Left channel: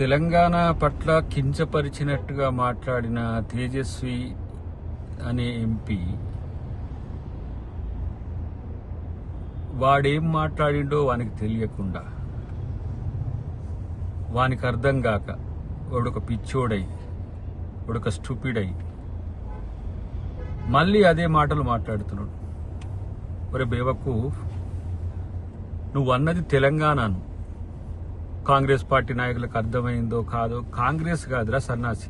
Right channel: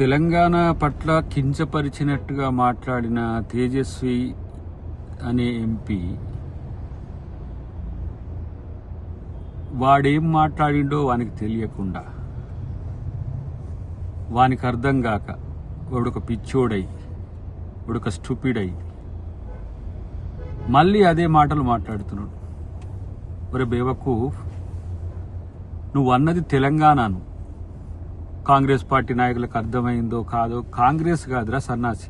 తెలంగాణ పట్ల కించపరిచినట్టుగా మాట్లాడిన తేజస్వి అనే ఎంపీ వాడేం మాట్లాడిండో వానికి తెలియకుండా, వానికి అర్థం కాక వాడొక పిచ్చోడై, వాడొక స్టూపిడ్ అయి మళ్ళీ అదే మాటలు మాట్లాడుతున్నాడు. ఒరే బేవకూఫ్, నువ్వు అన్నది తెలంగాణను. కాంగ్రెస్ పార్టీ నాయకులకు అర్థమైందో కాదో, కాంగ్రెస్ కాదురా సన్నాసి.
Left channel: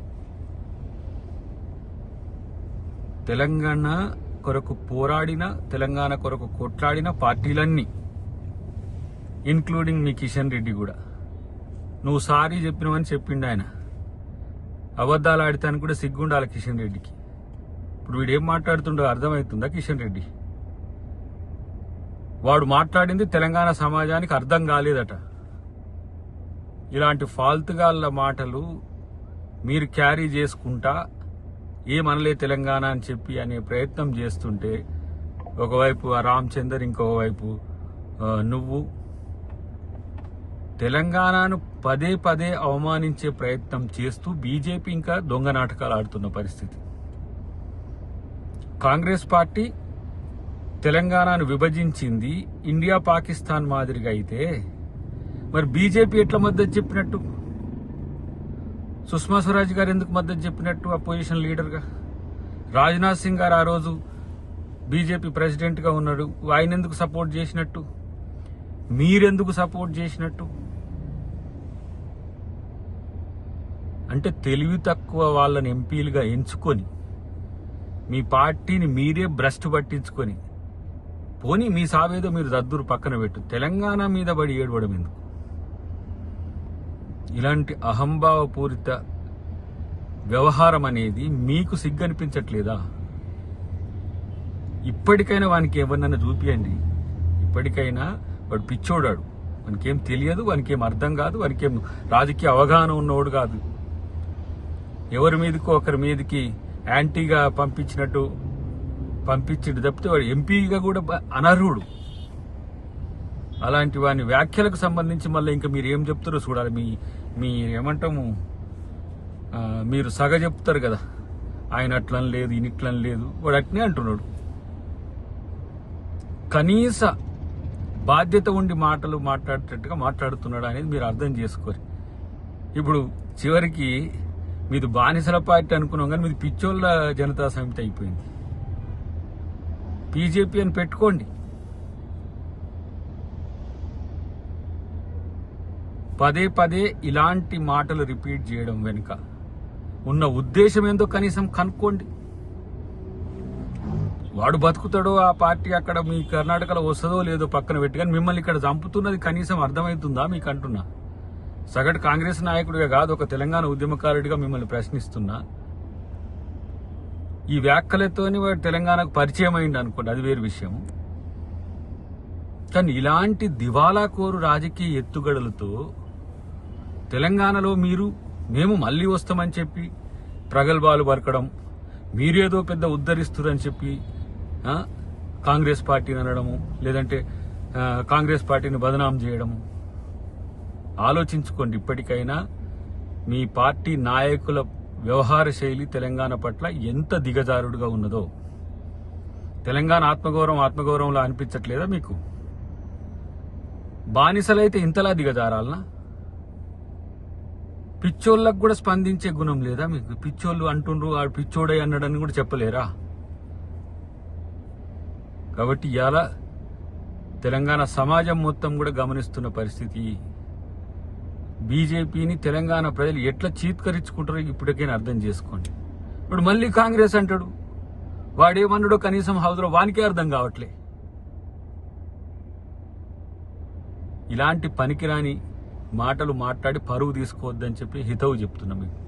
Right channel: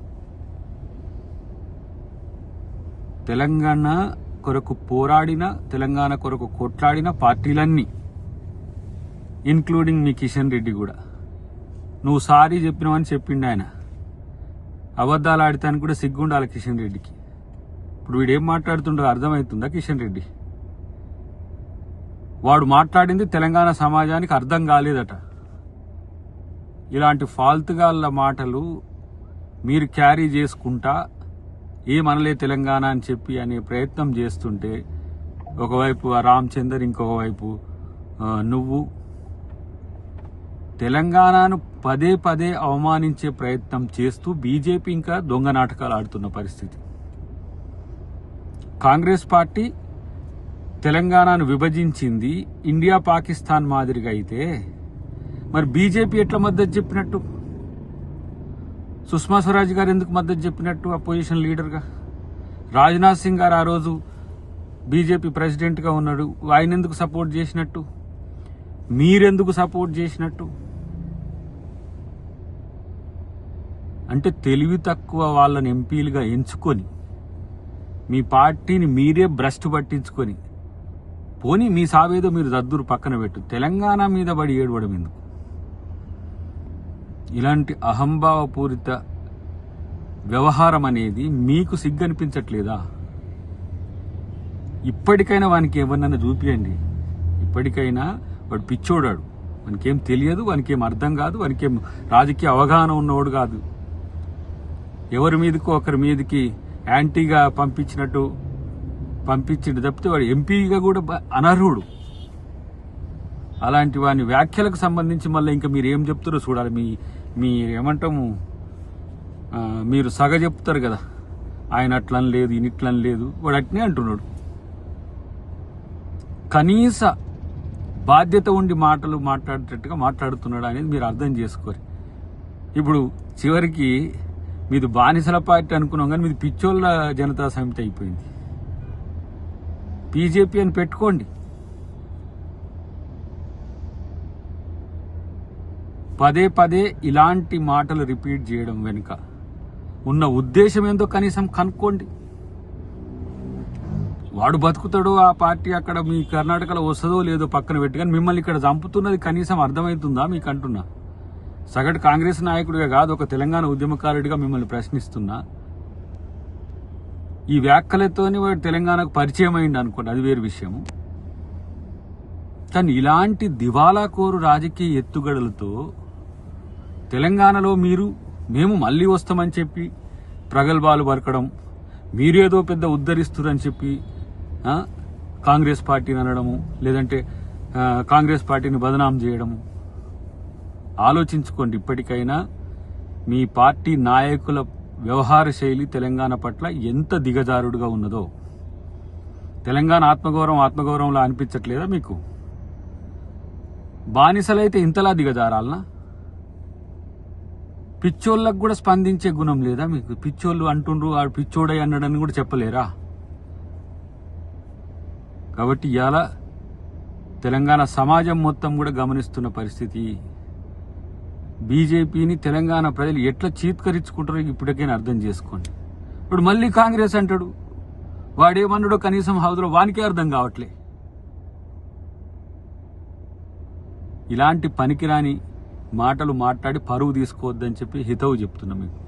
తెలంగాణ కొరకు పోరాడిన, తెలంగాణ కొరకు కొట్లాడిన పార్టీలన్నీ, ఇన్క్లూడింగ్ మీ కిషన్ రెడ్డి కూడా. నువ్వు సారీ చెప్పినవని చెప్పిండు ఆయన. అబద్ధాలు ఆడటానికి కూడా సిగ్గుండాలి కిషన్ రెడ్డికి. ఇప్పుడు వీడేం మాట్లాడుతుండో అర్థమవుతుందా కిషన్ రెడ్డి? వాడు మాట్లాడింది తెలంగాణ సమాజానికి అర్థం కాలేదట. ఇలాంటి ఫాల్తుగాళ్ళ మాటలు మీరు క్యారీ చేసుకుంటా ఏమనలే తెలంగాణ అని చెప్పి అనే ప్రయత్నం చేస్తుంటే, ఒకవైపు రామచందర్, ఇంకొక వైపు నువ్వు తెలంగాణను పదే పదే అవమానించే ప్రయత్నం చేస్తూ బీజేపీ ఇంకా దొంగ నాటకాలు ఆడుతున్న పరిస్థితి. కాంగ్రెస్ పార్టీ తెలంగాణను విభజించింది ఇండియా పాకిస్తాన్ మాదిరిగా అయితే, మరి బీజేపీ ఎట్లా మద్దతు చెప్పినట్టు? సుష్మా స్వరాజ్ గారు ఎందుకు మద్దతు చెప్పినట్టు అపోజిషన్ లీడర్గా? రాజ్నాథ్ సింగ్ గారు ఆ రోజు బీజేపీ ప్రెసిడెంట్గా ఉన్నాడు, ఆయన ఎందుకు సపోర్ట్ చేసినట్టు? మీరెందుకు సపోర్ట్ చేసినట్టు? అంటే తెలివి తక్కువ వాళ్ళని ఎంపీలుగా ఎంచుకొని, మీ పార్టీని మీరే భ్రష్టు పట్టించుకొని, పోనీ మీ సావేదో మీరు దద్దురు పక్కన పెట్టు, తెలంగాణ మీద పడి ఏడవడం ఎందుకు? ఇలాంటి అహంభావపూరిత వ్యవహారం అనేది మీకు సిగ్గనిపించట్లేదా? ఇప్పటికైనా వానికి ఏమన్నా చూపియండి. ఇప్పటికైనా వాడు పిచ్చోడాడు, వానికేం తెలియదు, వానికేం అర్థం కాదు, వానికేం రాజకీయ అవగాహన ఉన్నవాడు కాదు. ఎవరి మీదకో ఒకరి మీదకి యాంటీగా పంపించిండు తప్పితే వాడు ఎంపీగా కూడా అనర్హుడు. అలాంటి వాని వ్యాఖ్యలకు సంబంధించి మళ్ళీ ఇంకా మీరు ఏం చెప్తారో చూడాలి. మీ ఏమంటాము, మీరు సగ చెప్తారు కదా, ఆయన అట్లని లేదు, ఈయన ఇట్లని లేదు, వాడు అట్నే అంటున్నాడు. కనీస బాధ్యత ఉండి మాటలు మాట్లాడేటట్టుగా మాట్లాడుతున్నాడు అనేది మీరు అర్థం చేసుకోరు. ఇప్పుడు చివరికి మీది బానిసల పార్టీ అనుకున్నాం కానీ మీది పిచ్చోళ్ళ జనతా సమితి అయిపోయింది. బీజేపీ అని పెట్టుకోండి. పదే పదే ఇలాంటి మాటలు రిపీట్ చేయడం వెనుక ఉన్న ఉద్దేశం ఏందో కనీసం కనుక్కోండి. వాడు బతుకుతాడో, ఆ పార్టీ అక్కడ మీ కర్ణాటకలో వస్తుందో లేదో పక్కన పెట్టి, కానీ మిమ్మల్ని ఇక్కడ చంపుతున్నది కనీసం అర్థమవుతుందా మీకు అంటున్నా? సగటు కాంగ్రెస్ నాయకుడిగా కాదు, ఒక తెలంగాణ ఉద్యమకారుడిగా మిమ్మల్ని ప్రశ్నిస్తున్నా. ఈ వ్యాఖ్యలతోని వాడు తెలంగాణకు పరిచయం అయింది అనుకోండి, అది వేరు విషయం. కానీ ఇలాంటి దివాలా కోరు రాజకీయ ఎత్తుగడలతో తెలంగాణలో మేము మళ్లీ వస్తామని చెప్పి ప్రగల్భాలు పలకడం, మీరేదో పెద్ద ఉద్ధరిస్తురని చెప్పి కాంగ్రెస్ పార్టీని అనడము, లేదంటే కాంగ్రెస్ పార్టీని బదనాం చేయడం. ఆలోచించుకోండి. ఇప్పటికైనా మీ పార్టీ నాయకుల వ్యవహార శైలి తెలంగాణ పట్ల ఎంత దిగజారుడుగా ఉన్నదో. తెలంగాణ ఆత్మగౌరవంలా అనిపించట్లేదా మీకు? బానిసలైతే ఇంతలా దిగజారాలనా? పిచ్చోళ్ళకు కూడా స్పందించే గుణం లేదా మీకు? పిచ్చోళ్ళు అంటుండ్రు, ఆడు పిచ్చోడై అన్నాడని కూడా చెప్పలేరా? కాబట్టి ఇవాళ తెలంగాణ సమాజం మొత్తం కూడా గమనిస్తున్న పరిస్థితి. బీజేపీని తెలంగాణ ప్రజలు ఎట్లా చీత్కరించుకుంటారో ఇప్పటికైనా అర్థం చేసుకోండి. ఇప్పుడు మళ్ళీ కాంగ్రెస్ అంటాడు, వాడేమన్నాడో కనీసం హౌస్లో వానికే అర్థం కావట్లే. ఇలాంటి పనికిరాని మాటలు మాట్లాడి పరువు తీసుకోవద్దని చెప్పి హితవు చెప్తున్నా మీకు.